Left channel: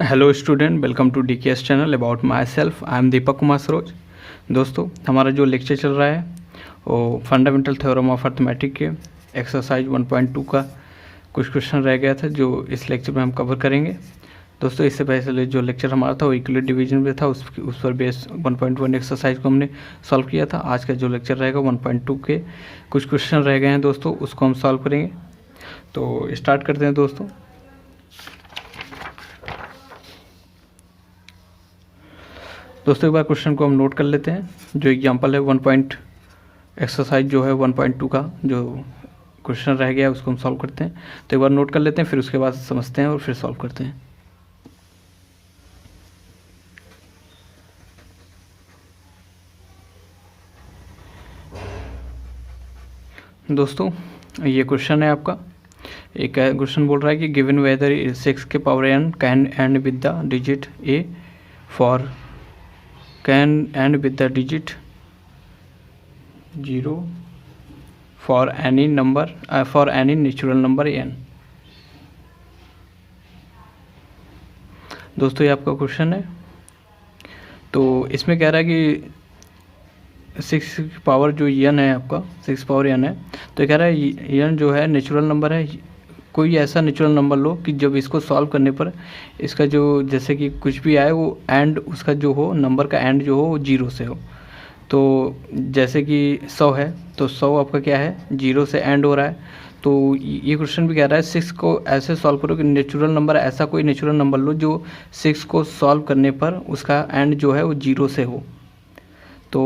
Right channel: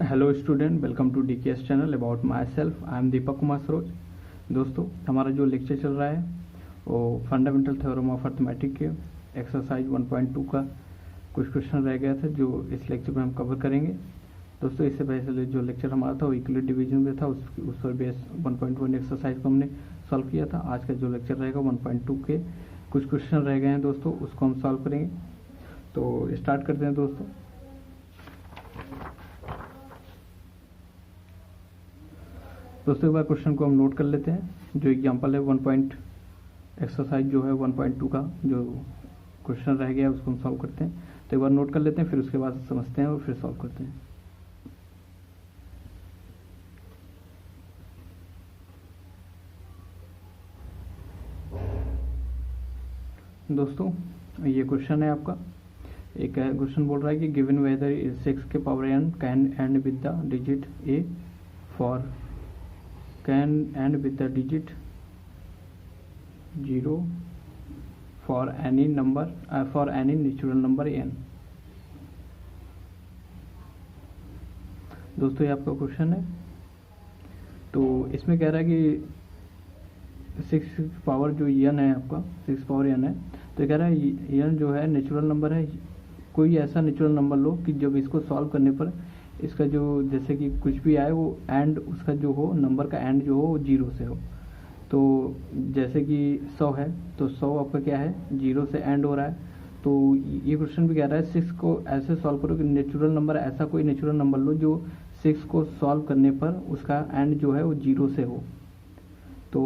Hello student, welcome to DKS channel about myself. I am Deepak Kumar Saroj. दोस्तों, हमारा जो lecture चल रहा है वो फंडामेंटल थ्योरम ऑफ अर्थमेटिक के एक्सरसाइज 1.2 का कुछ क्वेश्चन रह गया था जो इस लेक्चर में हम कवर करेंगे। दोस्तों, इससे पहले जो लेक्चर हमारा था वो इक्वलिटी डिवीजन में था, उस पर बेस 1.1 एक्सरसाइज को हमने सॉल्व किया था। आज का जो लेक्चर रहेगा 1.2 के कुछ क्वेश्चन रह गए हैं दोस्तों, उसको हम सॉल्व करेंगे। तो स्टार्ट करते हैं दोस्तों। एक बार क्वेश्चन को हम नोट कर लेते हैं। जो एग्जांपल है एक्सरसाइज जो है 1.2 का जो क्वेश्चन रह गया है उसको हम सॉल्व करते हैं। तो एक बार नोट कर लेते हैं, फिर उसके बाद समझते हैं और फिर सॉल्व करते हैं। दोस्तों, ये क्वेश्चन है आपका। एक क्वेश्चन बोल रहा है कि गिवन वेदर 6 के power n can and with the digit a for can end with the digit 0 for any number for any natural number n। दोस्तों, ये आपका क्वेश्चन है। तो इसमें कह रहा है कि 6 पावर जो n है आपका 6 पावर n है, तो ये कह रहा है n जो है नेचुरल नंबर है। कोई ऐसा नेचुरल नंबर लो कि जब इसको सॉल्व करने पर इसका जो जैसे कि कुछ भी आए वो एंड उसका जो हो नंबर का एंड जो हो वो 0 से हो। तो जैसे कि 100 है तो 100 आपका क्या है 0 से एंड हो रहा है। तो ये क्वेश्चन भी कह रहा है 6 को ऐसे सॉल्व करो कि नेचुरल नंबर ऐसा कोई नेचुरल नंबर लो जो 6 को सॉल्व करने पर उसका एंड जो है वो 0 से हो। तो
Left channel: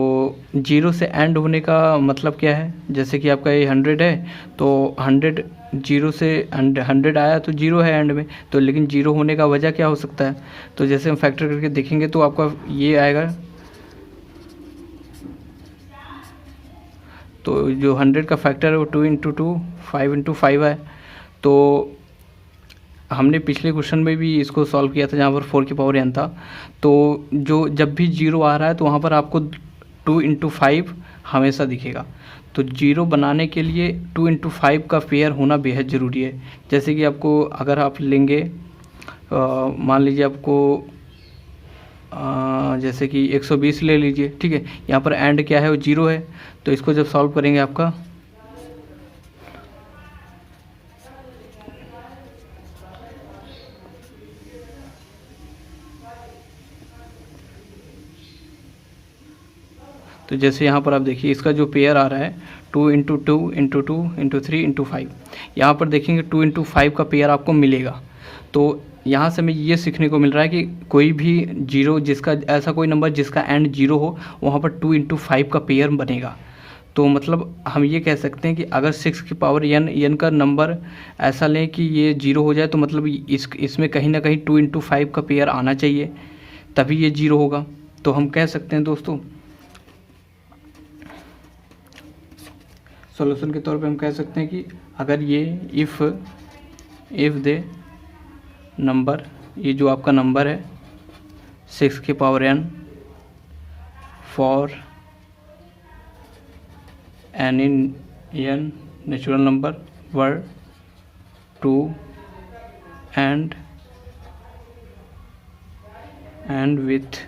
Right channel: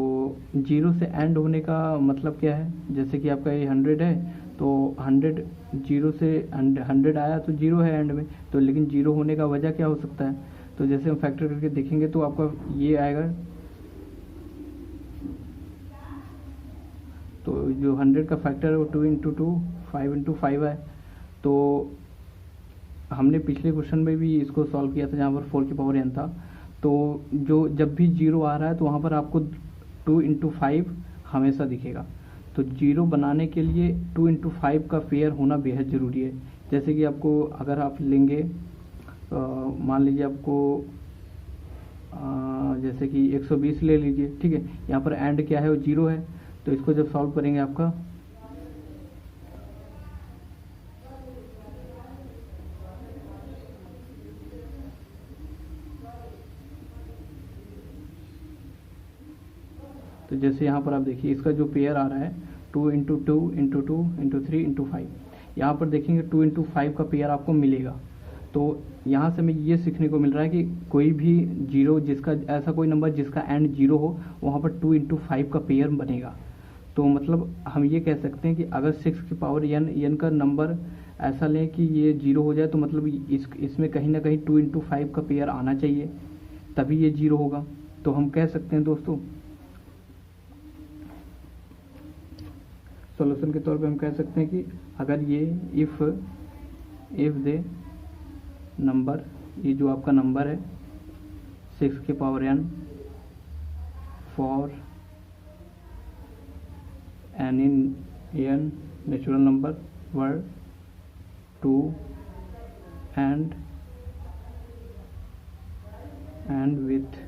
0 से एंड होने का मतलब क्या है, जैसे कि आपका ये 100 है तो 100 0 से 100 आया तो 0 है एंड में, तो लेकिन 0 होने का वजह क्या हो सकता है। तो जैसे हम फैक्टर करके देखेंगे तो आपका ये आएगा। तो जो 100 का फैक्टर है वो 2 × 2 5 × 5 है। तो हमने पिछले क्वेश्चन में भी इसको सॉल्व किया था जहाँ पर 4 की पावर n था। तो जो जब भी 0 आ रहा है तो वहाँ पर आपको 2 × 5 हमेशा दिखेगा। तो 0 बनाने के लिए 2 × 5 का पेयर होना बेहद ज़रूरी है। जैसे कि आपको अगर आप लेंगे मान लीजिए आपको जैसे कि 120 ले लीजिए, ठीक है। यहाँ पर एंड क्या है वो 0 है। तो इसको जब सॉल्व करेंगे आपका तो जैसे यहाँ पर आप देखिए इसका जो पेयर आ रहा है 2 × 2 × 2 × 3 × 5। यहाँ पर देखेंगे 2 × 5 का पेयर आपको मिलेगा। तो यहाँ से हमें ये सीखने को मिल रहा है कि कोई भी 0 जिसका ऐसा कोई नंबर जिसका एंड 0 हो वहाँ पर 2 × 5 का पेयर बनेगा। तो मतलब हम ये कह सकते हैं कि अगर 6 की पावर n का नंबर ऐसा लें कि ये 0 हो जाए तो मतलब इसमें कहीं ना कहीं 2 × 5 का पेयर आना चाहिए, तभी ये 0 होगा। तो हम कह सकते हैं दोस्तों सॉल्यूशन के तौर पे हम कह सकते हैं कि अगर ये इफ़ दे नंबर, ये जो आपका नंबर है 6 की power n for any n natural number were 2 and with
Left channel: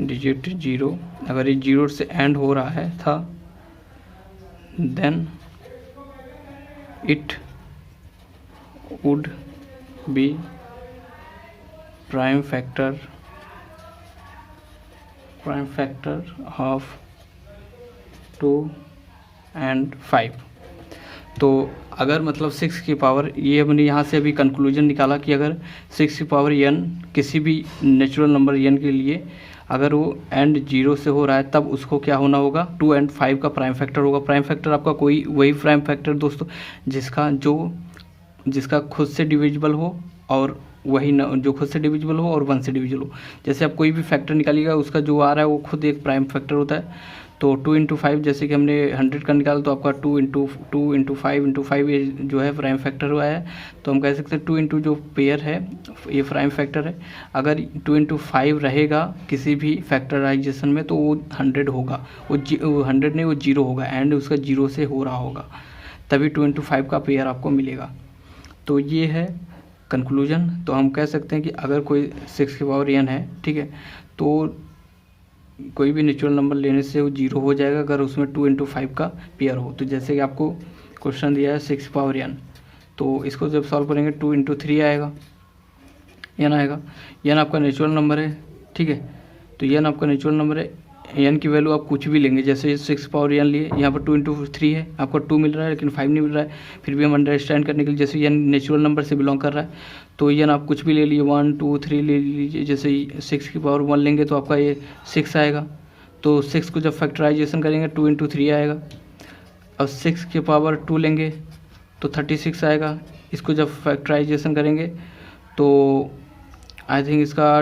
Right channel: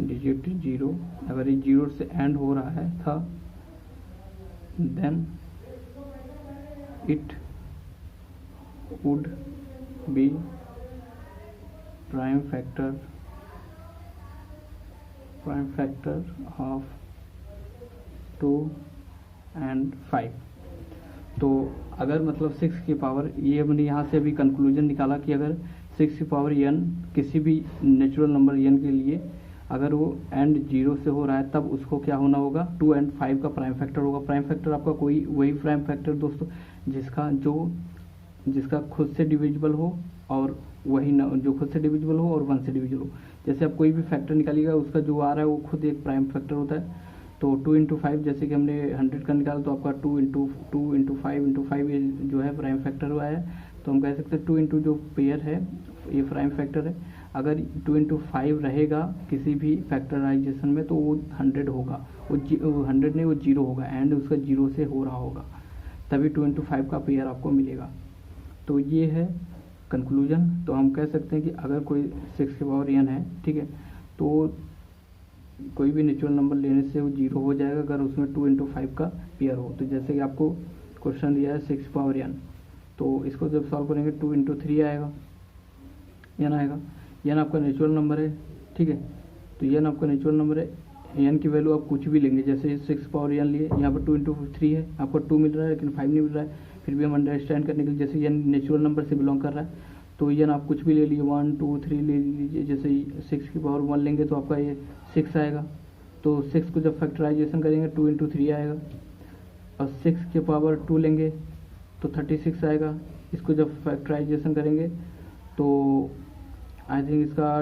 digit 0, अगर ये 0 से एंड हो रहा है था then it would be prime factor of 2 and 5। तो अगर मतलब 6 की पावर, ये हमने यहाँ से अभी कंक्लूजन निकाला कि अगर 6 की पावर n किसी भी नेचुरल नंबर n के लिए अगर वो एंड 0 से हो रहा है तब उसको क्या होना होगा 2 एंड 5 का प्राइम फैक्टर होगा। प्राइम फैक्टर आपका कोई वही प्राइम फैक्टर दोस्तों जिसका खुद से डिविजिबल हो और वही जो खुद से डिविजिबल हो और 1 से डिविजिबल हो। जैसे आप कोई भी फैक्टर निकालिएगा उसका जो आ रहा है वो खुद एक प्राइम फैक्टर होता है। तो 2 × 5 जैसे कि हमने 100 का निकाला तो आपका 2 × 5 ये जो है प्राइम फैक्टर हुआ है। तो हम कह सकते हैं 2 × जो पेयर है ये प्राइम फैक्टर है। अगर 2 × 5 रहेगा किसी भी फैक्टराइजेशन में तो वो 100 होगा, वो 100 नहीं वो 0 होगा, एंड उसका 0 से हो रहा होगा। तभी 2 इंटू 5 का पेयर आपको मिलेगा। तो ये है कंक्लूजन। तो हम कह सकते हैं कि अगर कोई 6 की पावर n है, ठीक है, तो कोई भी नेचुरल नंबर लेने से वो 0 हो जाएगा अगर उसमें 2 इंटू 5 का पेयर हो। तो जैसे कि आपको क्वेश्चन दिया है 6 पावर n, तो इसको जब सॉल्व करेंगे 2 इंटू 3 आएगा, n आएगा। n आपका नेचुरल नंबर है, ठीक है, तो n आपका नेचुरल नंबर है। n की वैल्यू आप कुछ भी लेंगे, जैसे 6 पावर n लिए, यहाँ पर 2 इंटू 3 है, आपको 2 मिल रहा है लेकिन 5 नहीं मिल रहा है। फिर भी हम अंडरस्टैंड करने के लिए, जैसे n नेचुरल नंबर से बिलोंग कर रहा है, तो n आप कुछ भी ले लिए, 1 2 3 ले लीजिए। जैसे 6 की पावर 1 लेंगे तो आपका ये 6 आएगा। तो 6 को जब फैक्टराइजेशन करेंगे 2 इंटू 3 आएगा। और 6 की पावर 2 लेंगे तो 36 आएगा। इसको जब फैक्टराइजेशन करेंगे तो आई थिंक इसका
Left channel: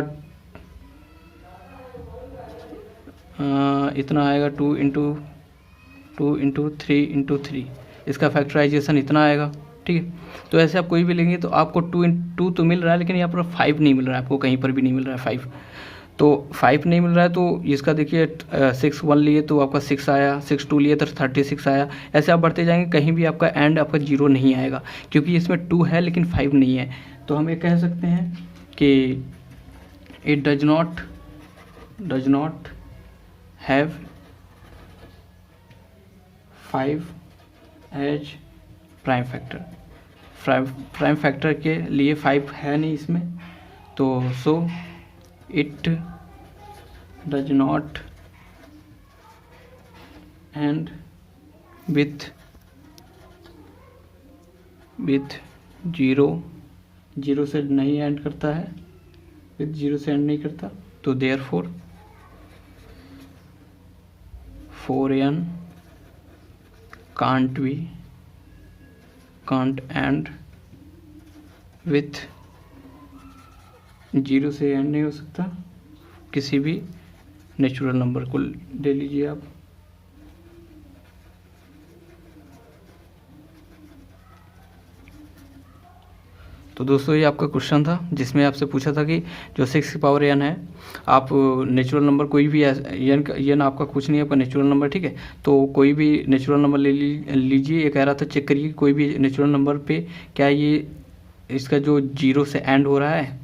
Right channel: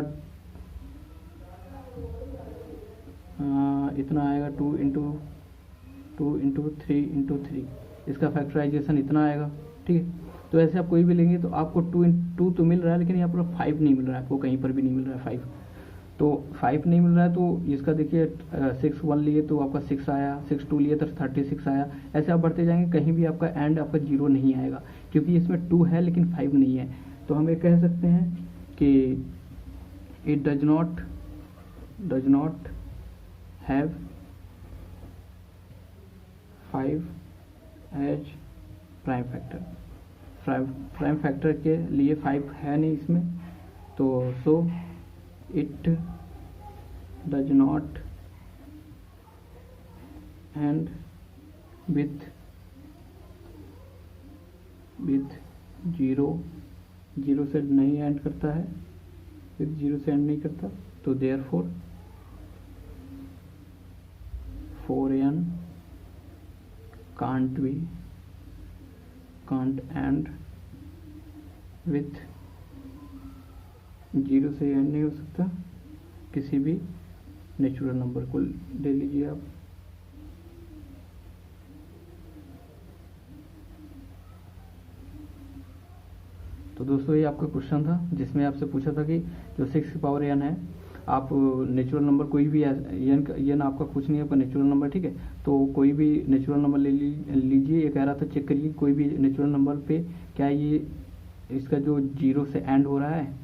इतना आएगा, 2 इंटू 3 इसका फैक्टराइजेशन इतना आएगा, ठीक है। तो ऐसे आप कोई भी लेंगे तो आपको 2 तो मिल रहा है, लेकिन यहाँ पर 5 नहीं मिल रहा है, आपको कहीं पर भी नहीं मिल रहा है 5। तो 5 नहीं मिल रहा है, तो इसका देखिए 6 1 लिए तो आपका 6 आया, 6 2 लिए तो 36 आया। ऐसे आप बढ़ते जाएंगे, कहीं भी आपका एंड आपका 0 नहीं आएगा, क्योंकि इसमें 2 है लेकिन 5 नहीं है। तो हम ये कह सकते हैं कि it does not have 5 as prime factor. Prime factor के लिए 5 है नहीं इसमें, तो so it does not end with 0 से नहीं एंड करता है, विथ 0 से एंड नहीं करता। तो therefore 4n can't and with 0 से एंड नहीं हो सकता किसी भी नेचुरल नंबर को ले लीजिए आप। तो दोस्तों ये आपका क्वेश्चन था, जिसमें आपसे पूछा था कि जो 6 की पावर n है, आप नेचुरल नंबर कोई भी n आपका कुछ नहीं है, आपका नेचुरल नंबर, ठीक है। तो कोई भी नेचुरल नंबर ले लीजिए। ये कह रहा था चेक करिए कोई भी नेचुरल नंबर पे क्या ये इसका जो 0 से एंड हो रहा है।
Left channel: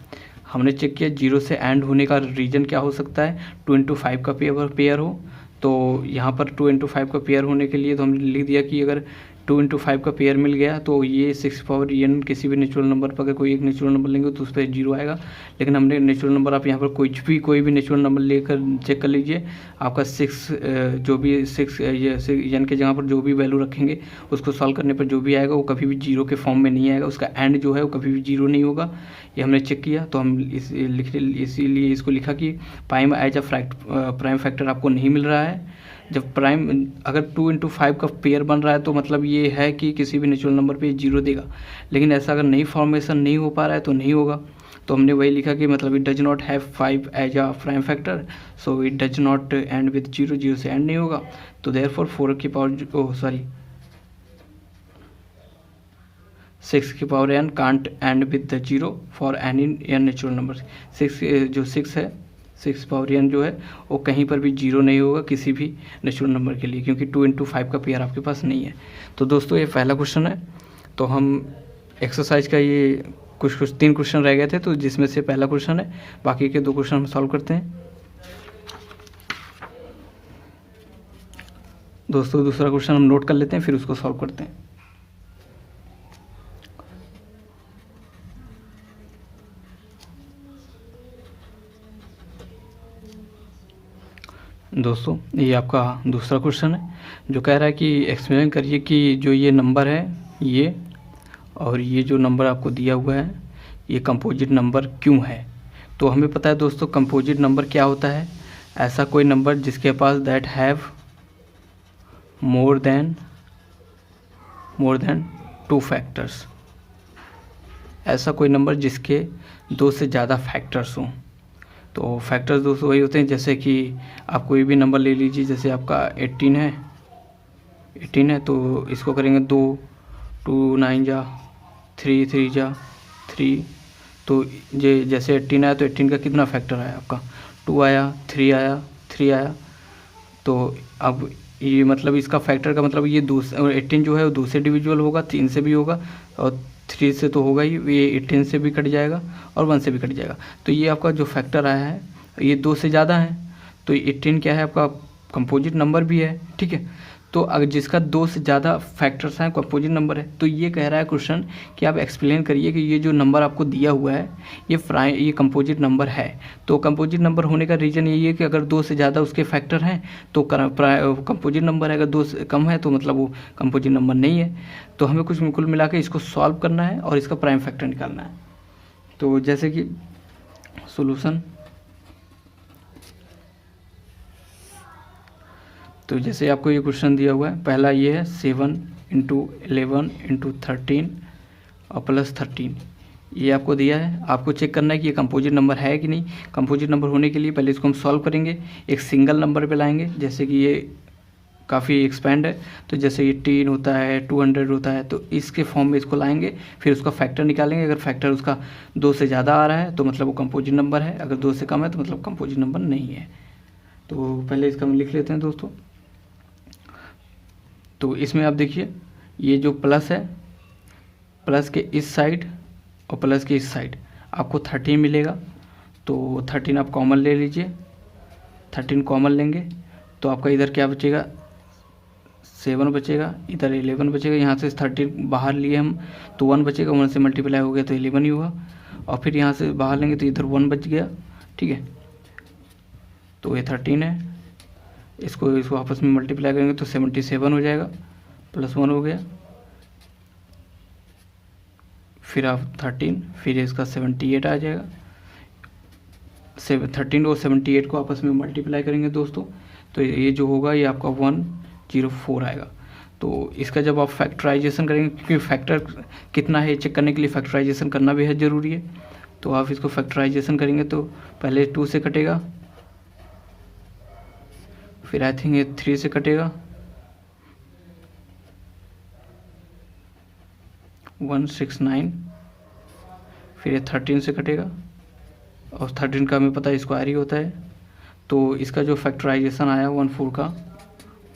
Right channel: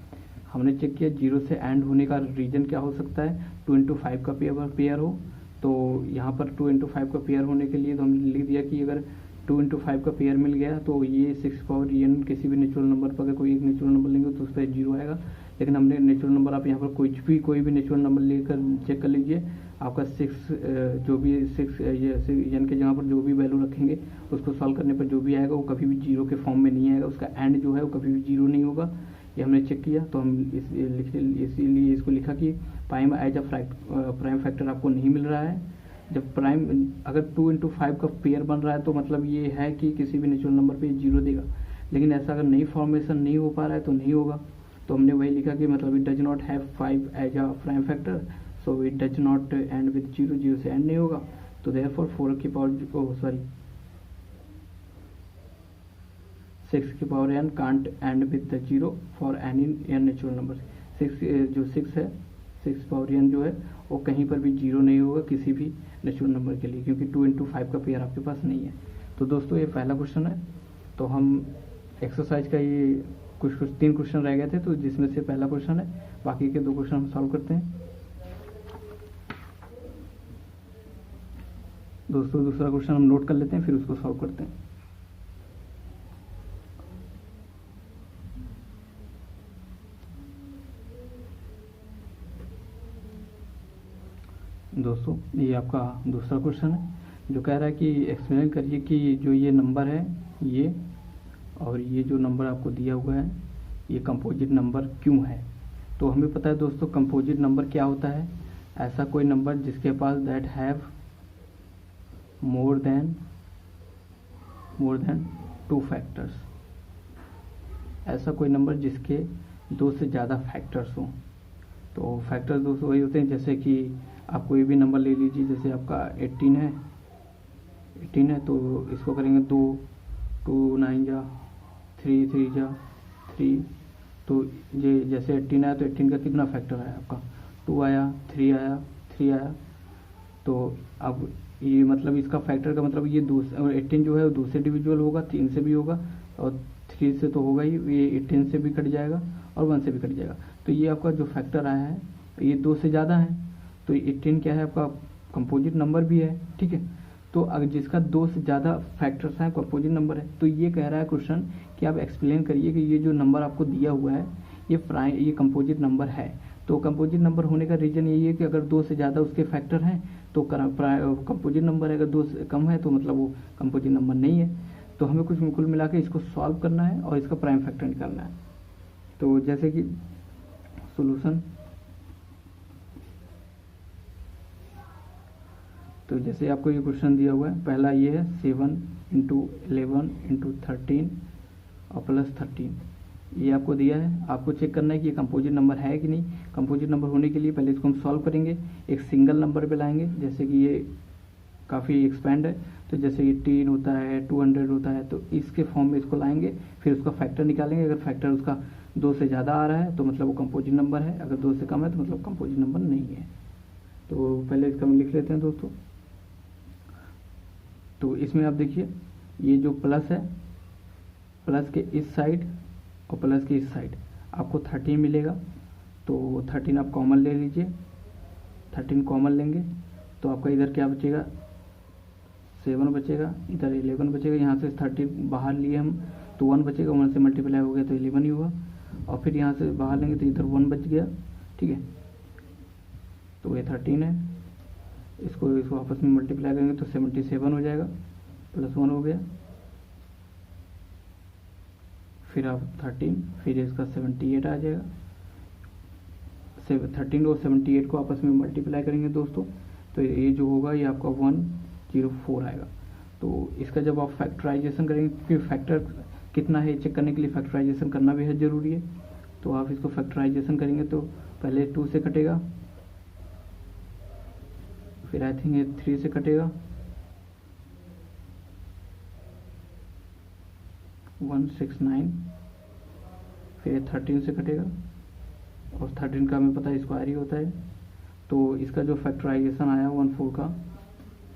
हमने चेक किया 0 से एंड होने का रीज़न क्या हो सकता है, 2 इंटू 5 का पेयर हो। तो यहाँ पर 2 इंटू 5 का पेयर होने के लिए तो हमने लिख दिया कि अगर 2 इंटू 5 का पेयर मिल गया तो ये 6 पावर n किसी भी नेचुरल नंबर पर अगर कोई एक नेचुरल नंबर लेंगे तो उस पर 0 आएगा। लेकिन हमने नेचुरल नंबर, आप यहाँ पर कोई भी नेचुरल नंबर लेकर चेक कर लीजिए, आपका 6 जो भी 6 ये n के जगह पर जो भी वैल्यू रखेंगे उसको सॉल्व करने पर जो भी आएगा वो कभी भी 0 के फॉर्म में नहीं आएगा, उसका एंड जो है वो कभी भी 0 नहीं होगा। ये हमने चेक किया, तो हम इसीलिए इसको लिखा कि prime as a prime factor आपको नहीं मिल रहा है। जब प्राइम अगर 2 इंटू 5 का पेयर बन रहा है तो मतलब ये है कि किसी भी नेचुरल नंबर पे 0 देगा। लेकिन ऐसा अगर नहीं फॉर्मेशन नहीं हो पा रहा है तो नहीं होगा। तो हमने वही लिखा कि मतलब it does not have 5 as a prime factor, so it does not end with 0 से एंड नहीं होगा। तो देयरफॉर 4 की पावर 6 की power n can't and with 0 for any n natural number. 6 है 6 पावर n जो है वो कहीं पर भी 0 नहीं होगा किसी भी नेचुरल नंबर के लिए, क्योंकि 2 इंटू 5 का पेयर आपके पास नहीं है। तो दोस्तों ये पहला क्वेश्चन है। तो हम एक्सरसाइज का ये कुछ 3 क्वेश्चन रह गए थे, तो जिसमें से पहला क्वेश्चन है, बाकी के 2 क्वेश्चन हम सॉल्व करते हैं। दोस्तों दूसरा क्वेश्चन हम नोट कर लेते हैं, फिर उसको सॉल्व करते हैं। दोस्तों ये आपका दूसरा क्वेश्चन है, जो कह रहा है कि एक्सप्लेन करिए कि जो ये नंबर है ये और ये जो नंबर आपको दिया हुआ है ये कंपोजिट नंबर क्यों है। तो हमें पता है दोस्तों कंपोजिट नंबर क्या होता है, ऐसा कोई नंबर जिसके पास that have more than 2 factors, ऐसा कोई नंबर जिसके 2 से ज़्यादा फैक्टर्स हों। तो फैक्टर्स दोस्तों वही होते हैं, जैसे कि आप कोई भी नंबर ले लीजिए, जैसे आपका 18 है तो इसको करेंगे 2 9 जा 3 3 जा 3। तो जैसे 18 आया तो 18 का कितना फैक्टर आया आपका 2 आया, 3 आया। तो अब ये मतलब इसका फैक्टर का मतलब ये 18 जो है वो 2 से डिविजिबल होगा, 3 से भी होगा और 3 से तो होगा ही, ये 18 से भी कट जाएगा और 1 से भी कट जाएगा। तो ये आपका जो फैक्टर आया है ये 2 से ज़्यादा है, तो 18 क्या है आपका कंपोजिट नंबर भी है, ठीक है। तो अगर जिसका 2 से ज़्यादा फैक्टर्स हैं कंपोजिट नंबर है, तो ये कह रहा है क्वेश्चन कि आप एक्सप्लेन करिए कि ये जो नंबर आपको दिया हुआ है ये कंपोजिट नंबर है। तो कंपोजिट नंबर होने का रीज़न यही है कि अगर 2 से ज़्यादा उसके फैक्टर हैं तो कंपोजिट नंबर है, अगर 2 से कम है तो मतलब वो कंपोजिट नंबर नहीं है। तो हमें कुछ कुल मिला के इसको सॉल्व करना है और इसका प्राइम फैक्टर निकालना है। तो जैसे कि सोल्यूशन, तो जैसे आपको ये क्वेश्चन दिया हुआ है, पहला ये है 7 × 11 × 13 और प्लस 13, ये आपको दिया है। आपको चेक करना है कि ये कंपोजिट नंबर है कि नहीं। कंपोजिट नंबर होने के लिए पहले इसको हम सॉल्व करेंगे, एक सिंगल नंबर पे लाएंगे, जैसे कि ये काफ़ी एक्सपेंड है, तो जैसे 18 होता है, 200 होता है, तो इसके फॉर्म में इसको लाएंगे, फिर उसका फैक्टर निकालेंगे। अगर फैक्टर उसका 2 से ज़्यादा आ रहा है तो मतलब वो कंपोजिट नंबर है, अगर 2 से कम है तो मतलब कंपोजिट नंबर नहीं है। तो पहले इसका हम लिख लेते हैं दोस्तों। तो इसमें आप देखिए ये जो प्लस है, प्लस के इस साइड और प्लस के इस साइड आपको 13 मिलेगा, तो 13 आप कॉमन ले लीजिए, 13 कॉमन लेंगे तो आपका इधर क्या बचेगा, 7 बचेगा, इधर 11 बचेगा, यहाँ से 13 बाहर लिए हम तो 1 बचेगा, 1 से मल्टीप्लाई हो गया तो 11 ही हुआ, और फिर यहाँ से बाहर लेंगे तो इधर 1 बच गया, ठीक है। तो ये 13 है, इसको आपस में मल्टीप्लाई करेंगे तो 77 हो जाएगा, प्लस 1 हो गया, फिर आप 13, फिर इसका 78 आ जाएगा। 13 और 78 को आपस में मल्टीप्लाई करेंगे दोस्तों, तो ये जो होगा ये आपका 104 आएगा। तो इसका जब आप फैक्टराइजेशन करेंगे, क्योंकि फैक्टर कितना है चेक करने के लिए फैक्टराइजेशन करना बेहद ज़रूरी है, तो आप इसको फैक्टराइजेशन करेंगे तो पहले 2 से कटेगा, फिर आई थिंक ये 3 से कटेगा, 169, फिर ये 13 से कटेगा, और 13 का हमें पता है स्क्वायर ही होता है। तो इसका जो फैक्टराइजेशन आया 14 का,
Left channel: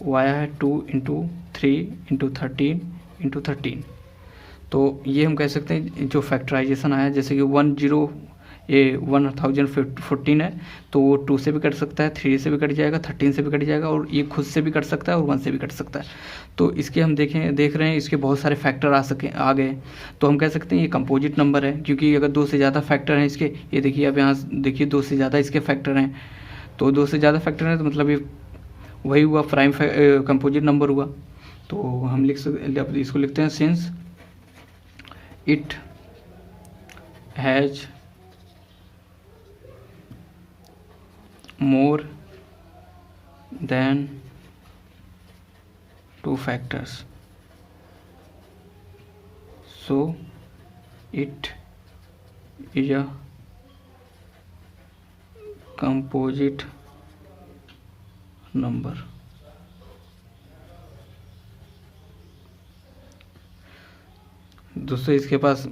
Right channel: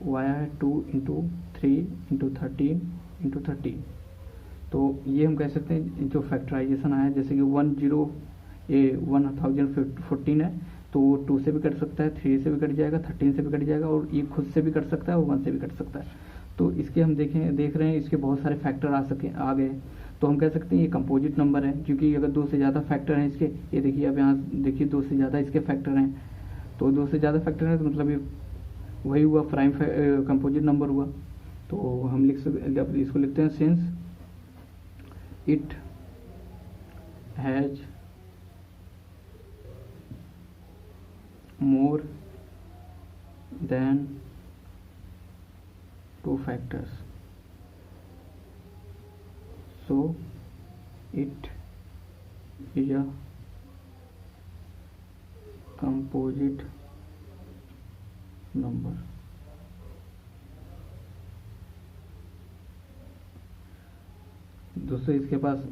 वो आया है 2 × 3 × 13 × 13। तो ये हम कह सकते हैं जो फैक्टराइजेशन आया, जैसे कि 1014 है, तो वो 2 से भी कट सकता है, 3 से भी कट जाएगा, 13 से भी कट जाएगा, और ये खुद से भी कट सकता है और 1 से भी कट सकता है। तो इसके हम देख रहे हैं इसके बहुत सारे फैक्टर आ गए, तो हम कह सकते हैं ये कंपोजिट नंबर है, क्योंकि अगर 2 से ज़्यादा फैक्टर हैं इसके, ये देखिए अब यहाँ देखिए 2 से ज़्यादा इसके फैक्टर हैं, तो 2 से ज़्यादा फैक्टर हैं तो मतलब ये वही हुआ प्राइम कंपोजिट नंबर हुआ। तो हम लिख सकते, अब इसको लिखते हैं since it has more than 2 factors, so it is a composite number। दोस्तों इसके पास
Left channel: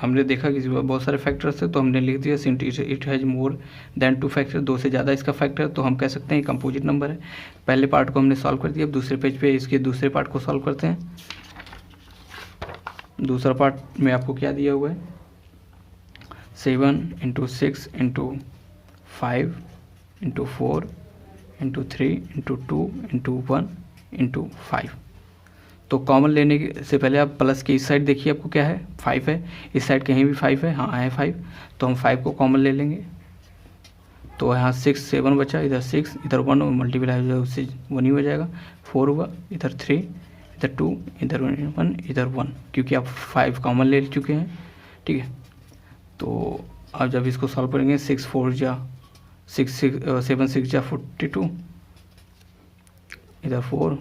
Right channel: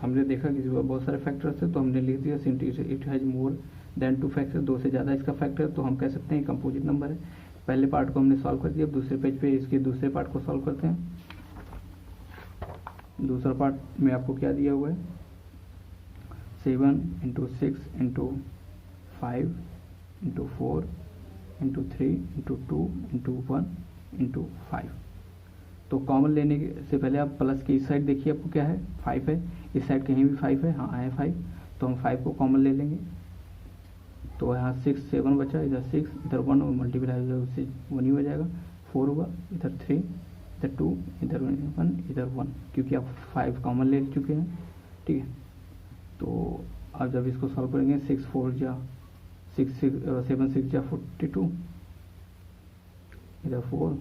हमने देखा कि बहुत सारे फैक्टर्स है, तो हमने लिख दिया since it has more than 2 factor, 2 से ज़्यादा इसका फैक्टर, तो हम कह सकते हैं ये कंपोजिट नंबर है। पहले पार्ट को हमने सॉल्व कर दिया, अब दूसरे पेज पे इसके दूसरे पार्ट को सॉल्व करते हैं। दूसरा पार्ट में आपको क्या दिया हुआ है, 7 × 6 × 5 × 4 × 3 × 2 × 1 × 5। तो कॉमन लेने से पहले आप प्लस के इस साइड देखिए आपको क्या है, 5 है, इस साइड कहीं भी 5 है, हाँ है 5, तो हम 5 को कॉमन ले लेंगे, तो यहाँ 6 7 बचा, इधर 6 इधर 1 मल्टीप्लाई हो जाएगा उससे 1 ही हो जाएगा, 4 हुआ, इधर 3 इधर 2 इधर 1 इधर 1, क्योंकि आप 5 कॉमन ले चुके हैं, ठीक है। तो अब जब इसको सॉल्व करेंगे 6 4 जा 6 7 6 जा 42, इधर 4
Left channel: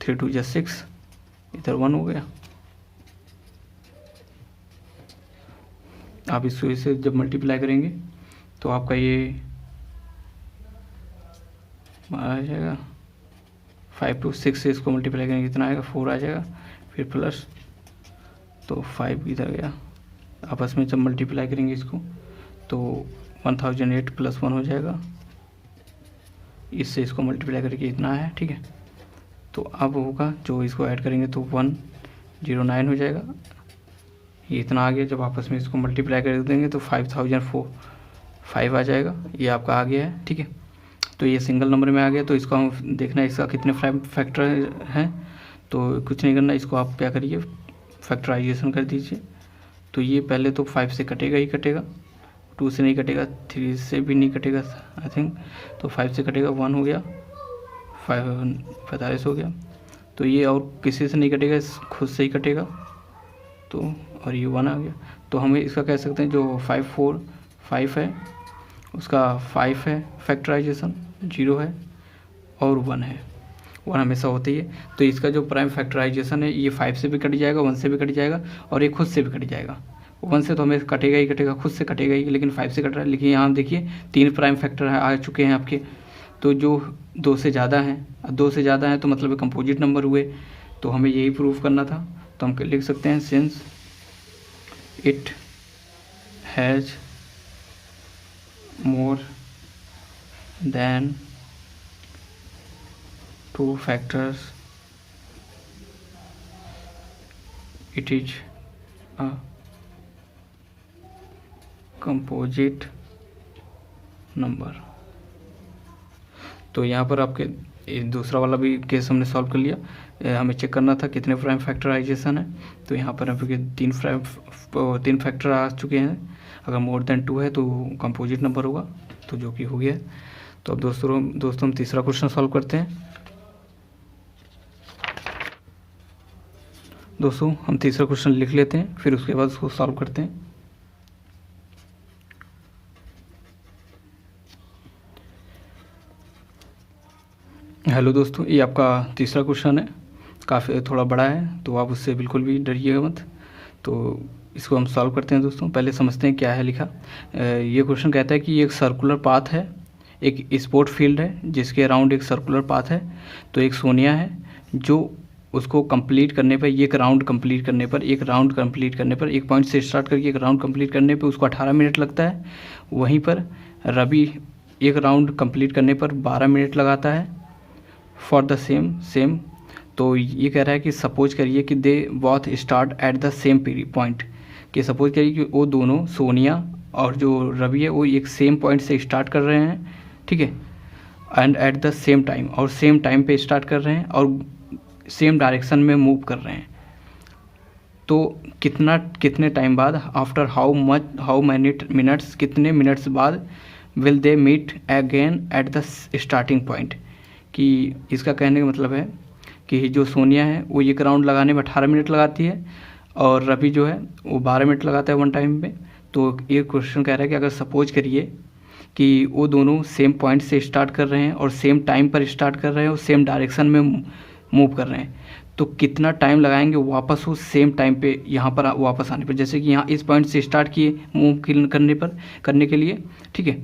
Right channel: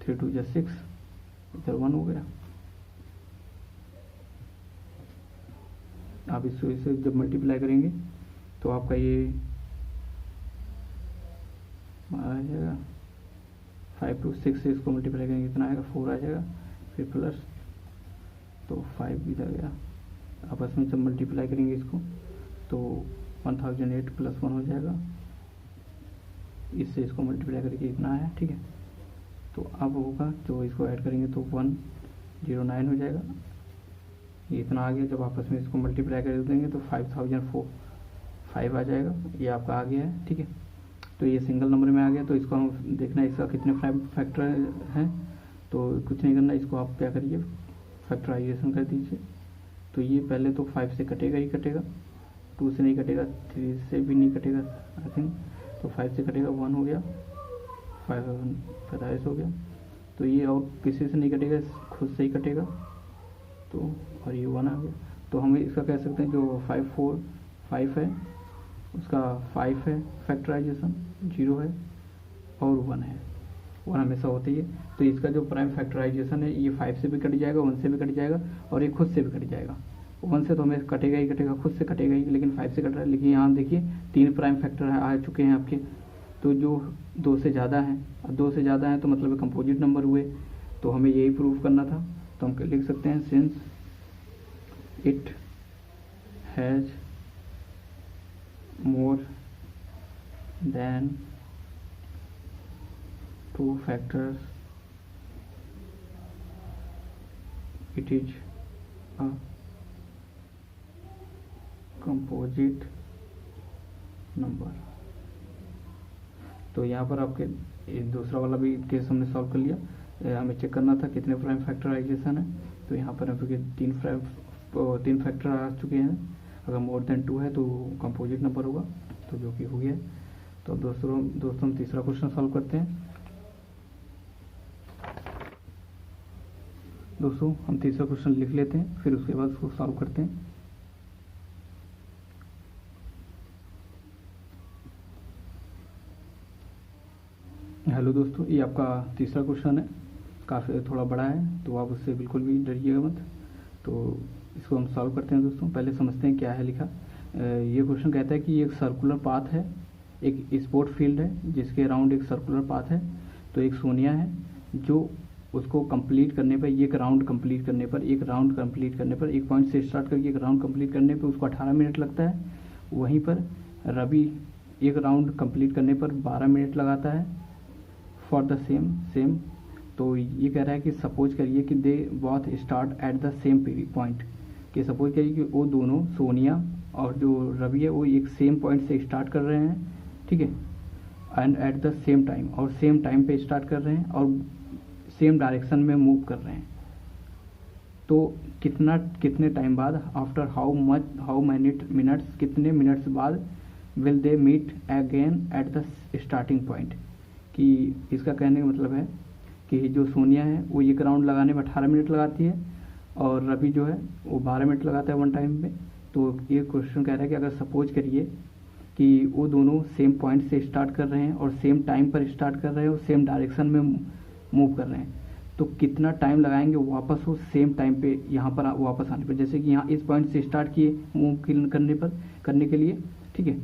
3 2 जा 6, इधर 1 हो गया। आप इसको इसे जब मल्टीप्लाई करेंगे तो आपका ये आ जाएगा 5 2 6 से इसको मल्टीप्लाई करेंगे कितना आएगा, 4 आ जाएगा, फिर प्लस, तो 5 इधर गया, आपस में जब मल्टीप्लाई करेंगे इसको तो 1008 + 1 हो जाएगा, इससे इसको मल्टीप्लाई करके इतना है, ठीक है। तो अब होगा जो इसको ऐड करेंगे तो 109 हो जाएगा। ये इतना आ गया। जब आपस में इसको मल्टीप्लाई कर देंगे तो 5005 आ जाएगा। ये आपका आ गया है, ठीक है। तो ये सिंगल नंबर में आ गया। तो इसको हम देखना है इसका कितने फैक्टर हैं। तो कुछ नहीं करना, इसको आप क्या करिए, फैक्टराइजेशन कर दीजिए। तो ये पहले तो 5 से कटेगा ही कटेगा, 2 से नहीं कटेगा, 3 से भी नहीं कटेगा आई थिंक। तो 5 से कटेगा, 1 हो गया, 45 हो गया। तो ये और किसी से नहीं कटेगा, खुद से ही कटेगा। तो और ये 1 आ गया। तो हमें इसका कह सकते हैं जो 545 है उसका 5 है फैक्टराइजेशन, 0 है और 1 है। 1 हमेशा होती है। तो इसका जो प्राइम फैक्टराइजेशन है ये 5 से भी कट जाएगा, 1 से भी कट जाएगा और ये खुद से भी कट जाएगा। 1 से तो हमें कटेगा ही कटेगा, खुद से कटेगा ही, लेकिन 5 से कट रहा है। लेकिन यहाँ देखिए 3 प्राइम फैक्टर आ चुके हैं आपके। तो जो 2 से ज़्यादा हैं, 2 से ज़्यादा हैं तो मतलब कंपोजिट नंबर हुए। तो हमें यही प्रूव करना था। तो हम लिख सकते हैं since it has more than 2 factors it is a composite number। तो यहाँ पर आपके दूसरा वाला भी केस हमने सॉल्व कर लिया। हमें चेक करना था कितने प्राइम फैक्टराइजेशन है। तो यहाँ पर आपके 3 फैक्टर आ चुके हैं। अगर मोर देन 2 है तो कंपोजिट नंबर होगा, तो जो कि हो गया। तो अब दोस्तों हम तीसरा क्वेश्चन सॉल्व करते हैं। दोस्तों हम तीसरा क्वेश्चन लिख लेते हैं, फिर उसके बाद उसको सॉल्व करते हैं। हेलो दोस्तों, ये आपका तीसरा क्वेश्चन है, काफ़ी थोड़ा बड़ा है तो आप उससे बिल्कुल भी डरिएगा मत। तो इसको हम सॉल्व करते हैं दोस्तों। पहले समझते हैं क्या है लिखा। ये क्वेश्चन कहता है कि ये एक सर्कुलर पाथ है, एक स्पोर्ट फील्ड है जिसके अराउंड एक सर्कुलर पाथ है। तो एक सोनिया है जो उसको कंप्लीट करने पर, एक राउंड कंप्लीट करने पर, एक पॉइंट से स्टार्ट करके एक राउंड कंप्लीट करने पर उसको 18 मिनट लगता है। वहीं पर रवि एक राउंड कंप्लीट करने पर 12 मिनट लगाता है फॉर द सेम। तो ये कह रहा है कि सपोज करिए कि they both start at the same point, कि सपोज करिए कि वो दोनों सोनिया और जो रवि है वो एक सेम पॉइंट से स्टार्ट कर रहे हैं, ठीक है, and at the same time, और सेम टाइम पे स्टार्ट कर रहे हैं और सेम डायरेक्शन में मूव कर रहे हैं। तो कितने टाइम बाद, आफ्टर हाउ मैनी मिनट्स, कितने मिनट्स बाद will they meet again at the starting point. कि इसका कहने का मतलब है कि जो सोनिया है वो एक राउंड लगाने में 18 मिनट लगाती है और रवि जो है वो 12 मिनट लगाता है 1 टाइम में। तो ये क्वेश्चन कह रहा है कि अगर सपोज करिए कि वो दोनों सेम पॉइंट से स्टार्ट कर रहे हैं और सेम टाइम पर स्टार्ट कर रहे हैं और सेम डायरेक्शन में मूव कर रहे हैं, तो कितना टाइम लगाएंगे वापस उस सेम टाइम पे यहाँ पर वापस आने पर। जैसे कि यहाँ इस पॉइंट से स्टार्ट किए मूव करने के लिए, ठीक है,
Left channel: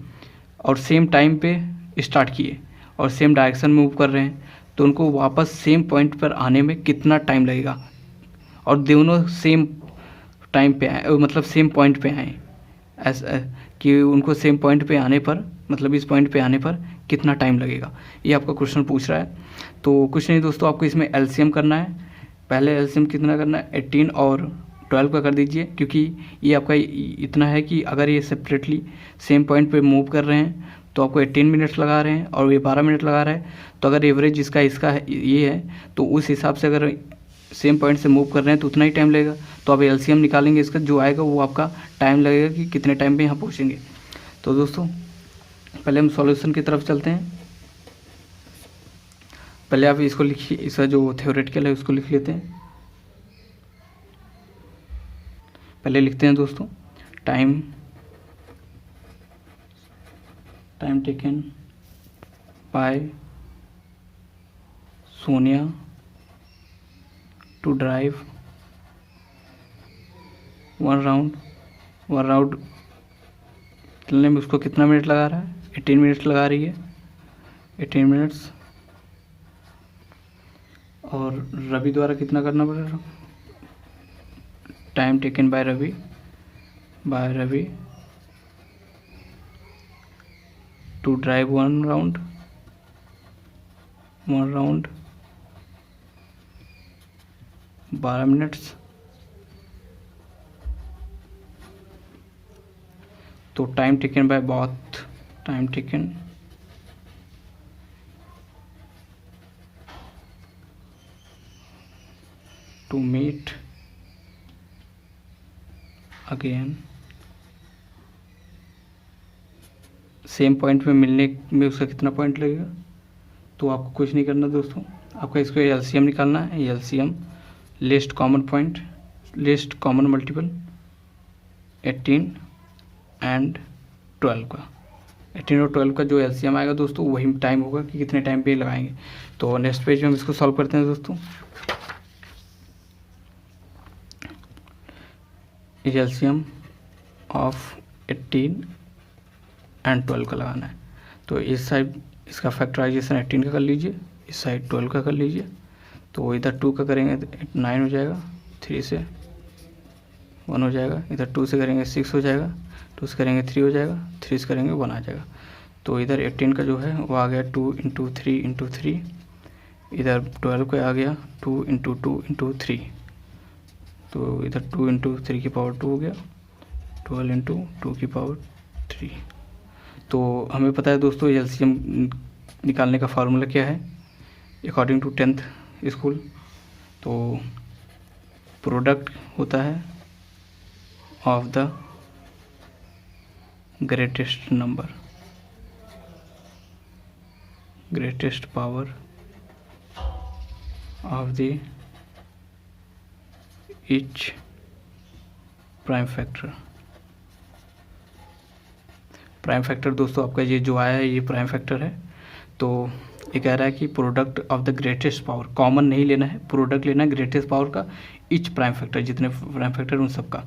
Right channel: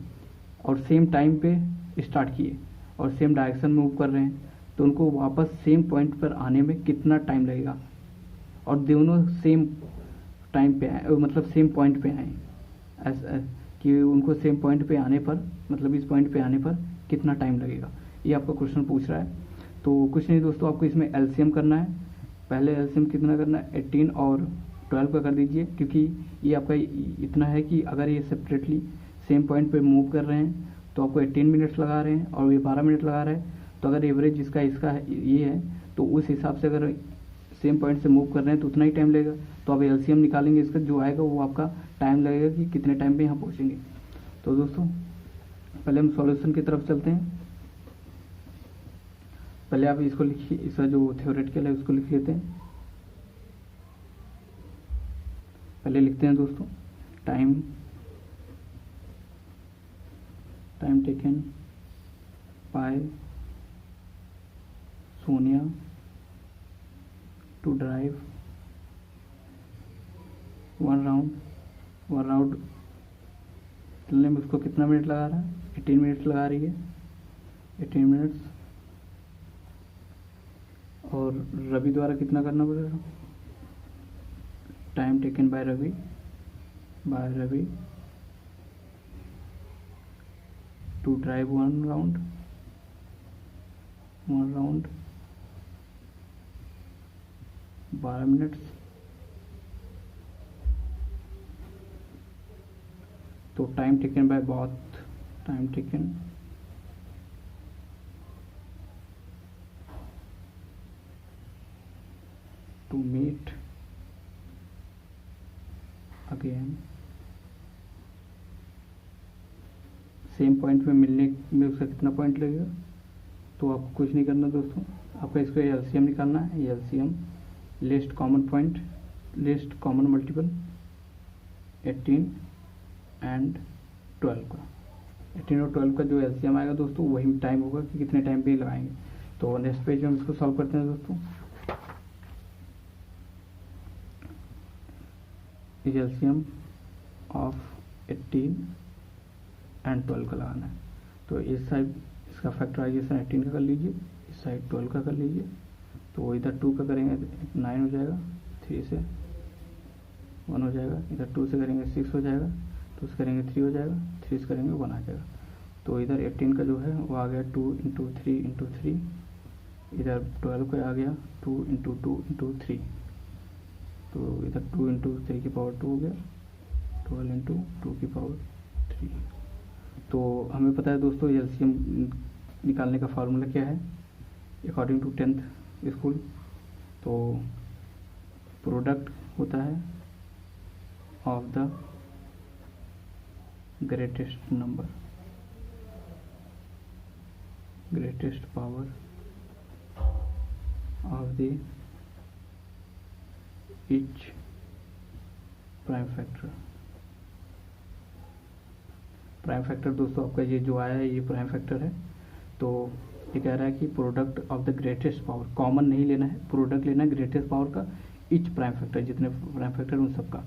और सेम टाइम पे स्टार्ट किए और सेम डायरेक्शन में मूव कर रहे हैं, तो उनको वापस सेम पॉइंट पर आने में कितना टाइम लगेगा। और दोनों सेम टाइम पे आए, मतलब सेम पॉइंट पे आए, ऐसा कि उनको सेम पॉइंट पे आने पर, मतलब इस पॉइंट पे आने पर कितना टाइम लगेगा, ये आपका क्वेश्चन पूछ रहा है। तो कुछ नहीं दोस्तों, आपको इसमें एलसीएम करना है। पहले एलसीएम कितना करना है, 18 और 12 का कर दीजिए, क्योंकि ये आपका इतना है कि अगर ये सेपरेटली सेम पॉइंट पे मूव कर रहे हैं तो आपको 18 मिनट्स लगा रहे हैं और ये 12 मिनट लगा रहे हैं। तो अगर एवरेज इसका ये है तो उस हिसाब से अगर सेम पॉइंट से मूव कर रहे हैं तो उतना ही टाइम लगेगा। तो अब एलसीएम निकालेंगे, इसका जो आएगा वो आपका टाइम लगेगा कि कितने टाइम पे यहाँ पहुँचेंगे। तो दोस्तों पहले हम सॉल्यूशन की तरफ चलते हैं। पहले आप इसको लिखिए, इसका जो थ्योरेटिकल है उसको लिख लेते हैं। पहले लिखते हैं दोस्तों, time taken by Sonia to drive one round चलने में उसको कितना मिनट लगा रहा है, 18 मिनट्स लगा रही है, 18 मिनट्स। और रवि द्वारा कितना करना पड़ेगा, time taken by Ravi to drive one round 12 minutes. तो time taken by both, time taken to meet again, same point पे मिलने में उसका कितना पॉइंट लगेगा। तो आपको कुछ नहीं करना दोस्तों, आपका इसको एलसीएम निकालना है। LCM list common point, list common multiple 18 and 12 का, 18 और 12 का जो एलसीएम आएगा दोस्तों वही टाइम होगा कि कितने टाइम पे लगाएंगे। तो नेक्स्ट पेज में हम इसको सॉल्व करते हैं दोस्तों। एलसीएम ऑफ 18 एंड 12 का लगाना है। तो इस साइड इसका फैक्टराइजेशन 18 का कर लीजिए, इस साइड 12 का कर लीजिए। तो इधर 2 का करेंगे तो 9 हो जाएगा, 3 से 1 हो जाएगा, इधर 2 से करेंगे 6 हो जाएगा, 2 से करेंगे 3 हो जाएगा, 3 से करेंगे 1 आ जाएगा। तो इधर 18 का जो है वो आ गया 2 इंटू 3 इंटू 3, इधर 12 का आ गया 2 इंटू 2 इंटू 3, तो इधर 2 इंटू 3 की पावर 2 हो गया, 12 इंटू 2 की पावर 3। तो हमें पता है दोस्तों एलसीएम निकालने का फार्मूला क्या है अकॉर्डिंग टू 10th स्कूल। तो प्रोडक्ट होता है of the greatest number, greatest power of the each prime factor. Prime factor दोस्तों आपका ये जो आया है ये प्राइम फैक्टर है। तो ये कह रहा है कि product of the greatest power, common नहीं लेना है, प्रोडक्ट लेना है ग्रेटेस्ट पावर का ईच प्राइम फैक्टर, जितने प्राइम फैक्टर उन सब का।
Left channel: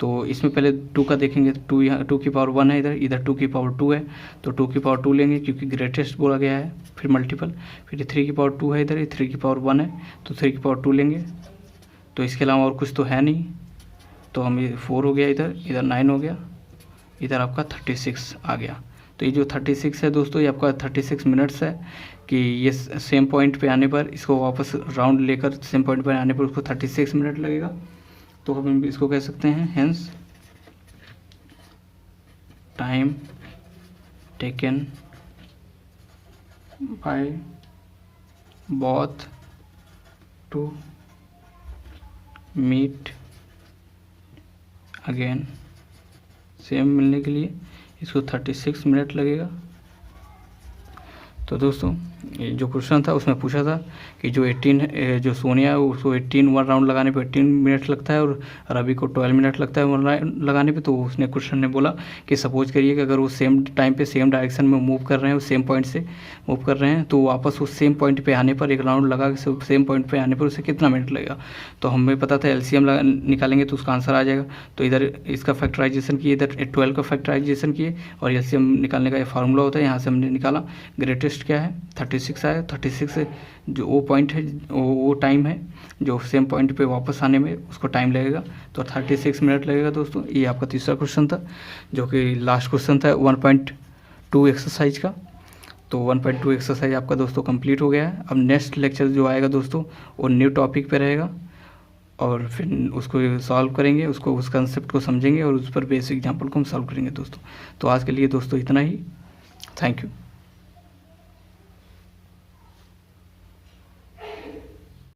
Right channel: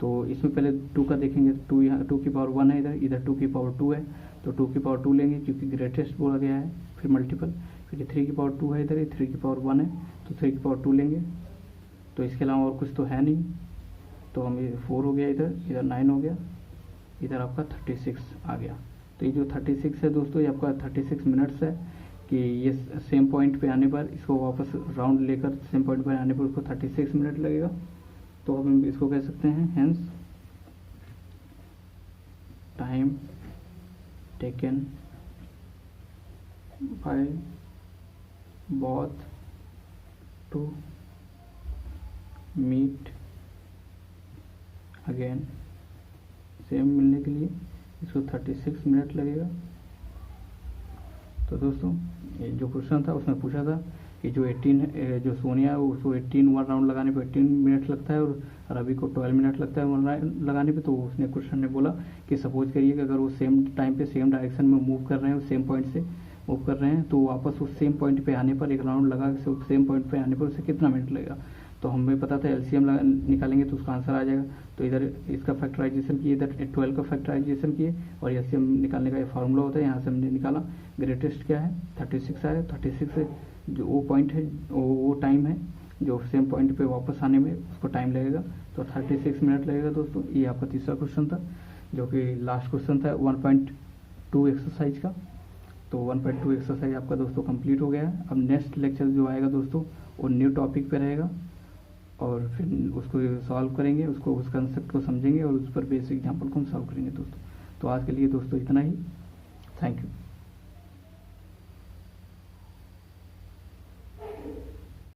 तो इसमें पहले 2 का देखेंगे, 2 यहाँ 2 की पावर 1 है, इधर इधर 2 की पावर 2 है, तो 2 की पावर 2 लेंगे क्योंकि ग्रेटेस्ट बोला गया है, फिर मल्टीपल, फिर 3 की पावर 2 है, इधर 3 की पावर 1 है, तो 3 की पावर 2 लेंगे। तो इसके अलावा और कुछ तो है नहीं, तो हम ये 4 हो गया, इधर 9 हो गया, इधर आपका 36 आ गया। तो ये जो 36 है दोस्तों ये आपका 36 मिनट्स है कि ये सेम पॉइंट पे आने पर इसको वापस राउंड लेकर सेम पॉइंट पर आने पर उसको 36 मिनट लगेगा। तो हम इसको कह सकते हैं hence time taken by both to meet again, same मिलने के लिए इसको 36 मिनट लगेगा। तो दोस्तों ये जो क्वेश्चन था उसमें पूछा था कि जो 18 जो सोनिया है उसको 18 1 राउंड लगाने पे 18 मिनट लगता है और रवि को 12 मिनट लगता है 1 राउंड लगाने पे। तो उसने क्वेश्चन ने बोला कि सपोज करिए कि अगर वो सेम टाइम पे सेम डायरेक्शन में मूव कर रहे हैं, सेम पॉइंट से मूव कर रहे हैं, तो वापस उस सेम पॉइंट पे आने पर एक राउंड लगा के सेम पॉइंट पे आने पर उसे कितना मिनट लगेगा। तो हमें पता था एलसीएम निकालेंगे तो उसका आंसर आ जाएगा। तो इधर इसका फैक्टराइजेशन किए, इधर 12 का फैक्टराइजेशन किए और एलसीएम निकालने का ये फार्मूला होता है, यहाँ से हमने निकाला। ग्रेटेस्ट क्या है 36 आया, 36 से जो वो पॉइंट है वो टाइम है जो सेम पॉइंट पे वापस आने में उसको टाइम लगेगा, तो 36 मिनट लगेगा दोस्तों। ये आपका तीसरा क्वेश्चन था जो कि लास्ट क्वेश्चन था 1.2 एक्सरसाइज का। तो 1.2 एक्सरसाइज आपका दोस्तों कंप्लीट हो गया है। अब नेक्स्ट लेक्चर जो आएगा दोस्तों वो न्यू टॉपिक पे रहेगा और फिर उसको सॉल्व करेंगे, उसको उस कंसेप्ट को समझेंगे और उस पर बेसिक एग्जाम्पल को हम सॉल्व करेंगे दोस्तों। तो आज के लिए दोस्तों इतना ही, थैंक यू।